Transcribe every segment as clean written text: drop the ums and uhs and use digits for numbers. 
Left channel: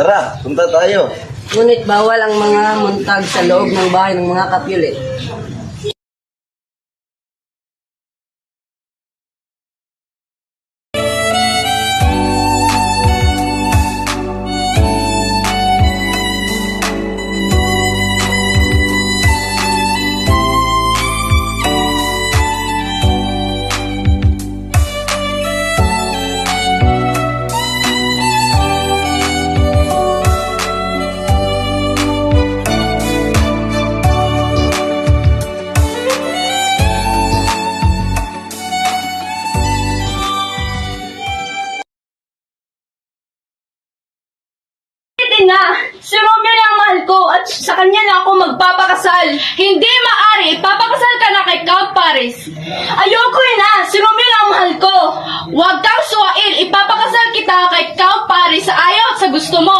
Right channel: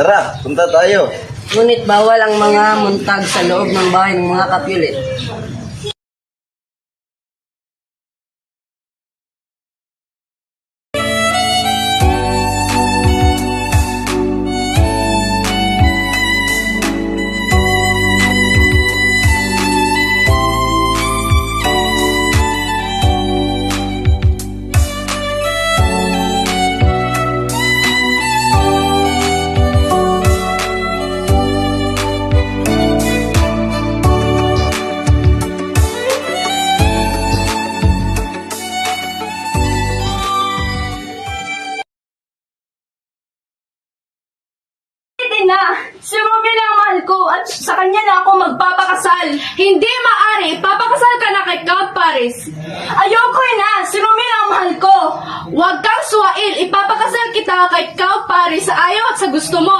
Tara, punta tayo. Ngunit bawal ang mga muntag sa loob ng bahay ng mga kapyulit. Na, si Romeo lang ang mahal ko at sa kanya lang ako magpapakasal. Hindi maari, papakasal ka na kay Count Paris. Ayoko na, si Romeo lang ang mahal ko. Huwag kang suwail, ipapakasal kita kay Count Paris sa ayaw at sa gusto mo.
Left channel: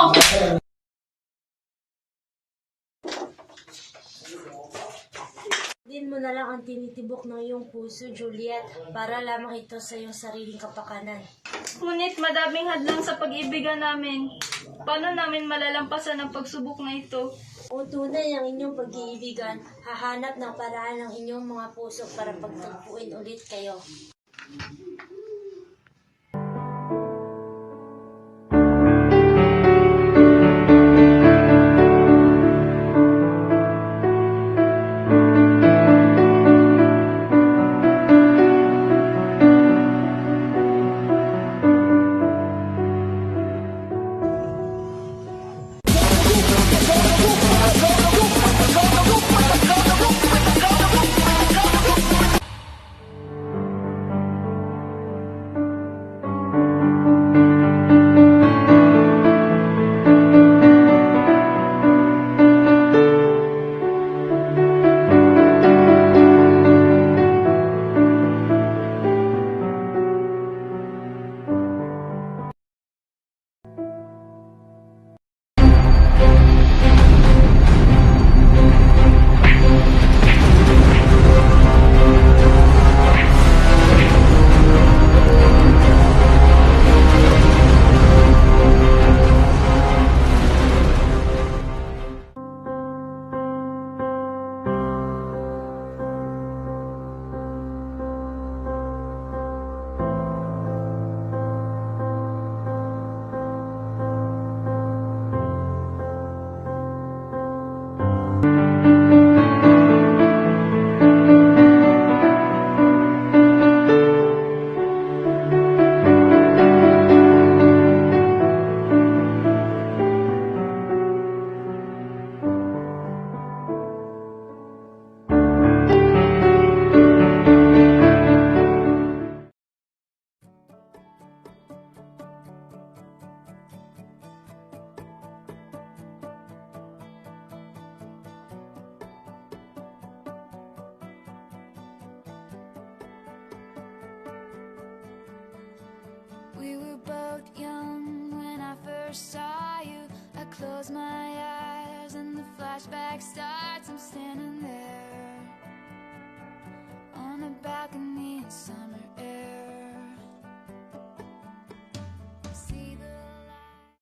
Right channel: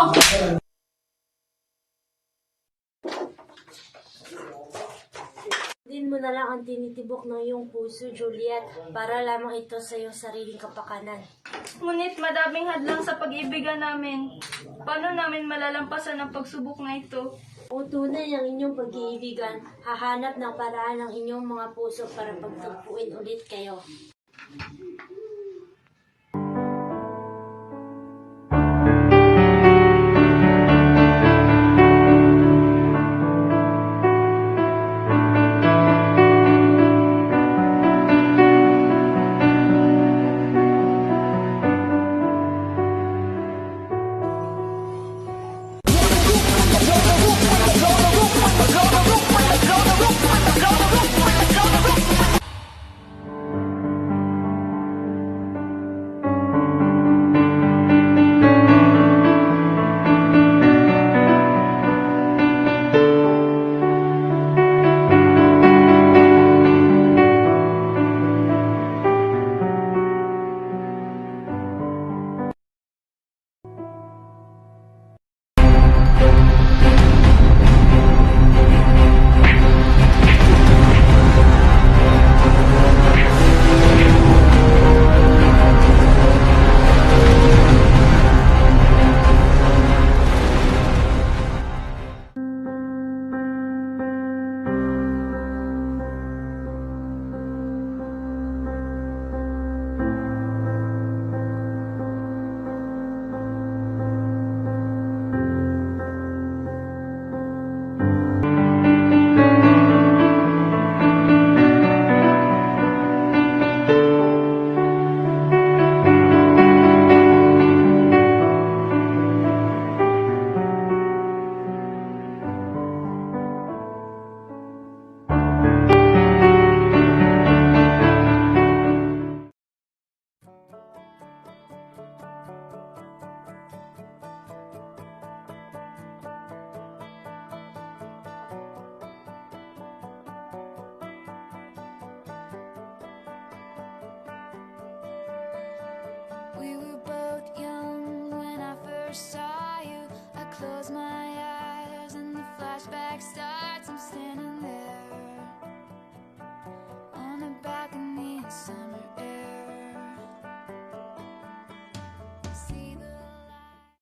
Din mo na lang ang tinitibok ng iyong puso, Juliet, para lamang ito sa iyong sariling kapakanan. Ngunit madaming hadlang sa pag-ibigan namin. Paano namin malalampasan ang pagsubok na ito? Kung tunay ang inyong pag-iibigan, hahanap ng paraan ng inyong mga puso para pagtagpuin ulit kayo. We were both young when I first saw you. I close my eyes and the flashback starts. I'm standing there on a balcony in summer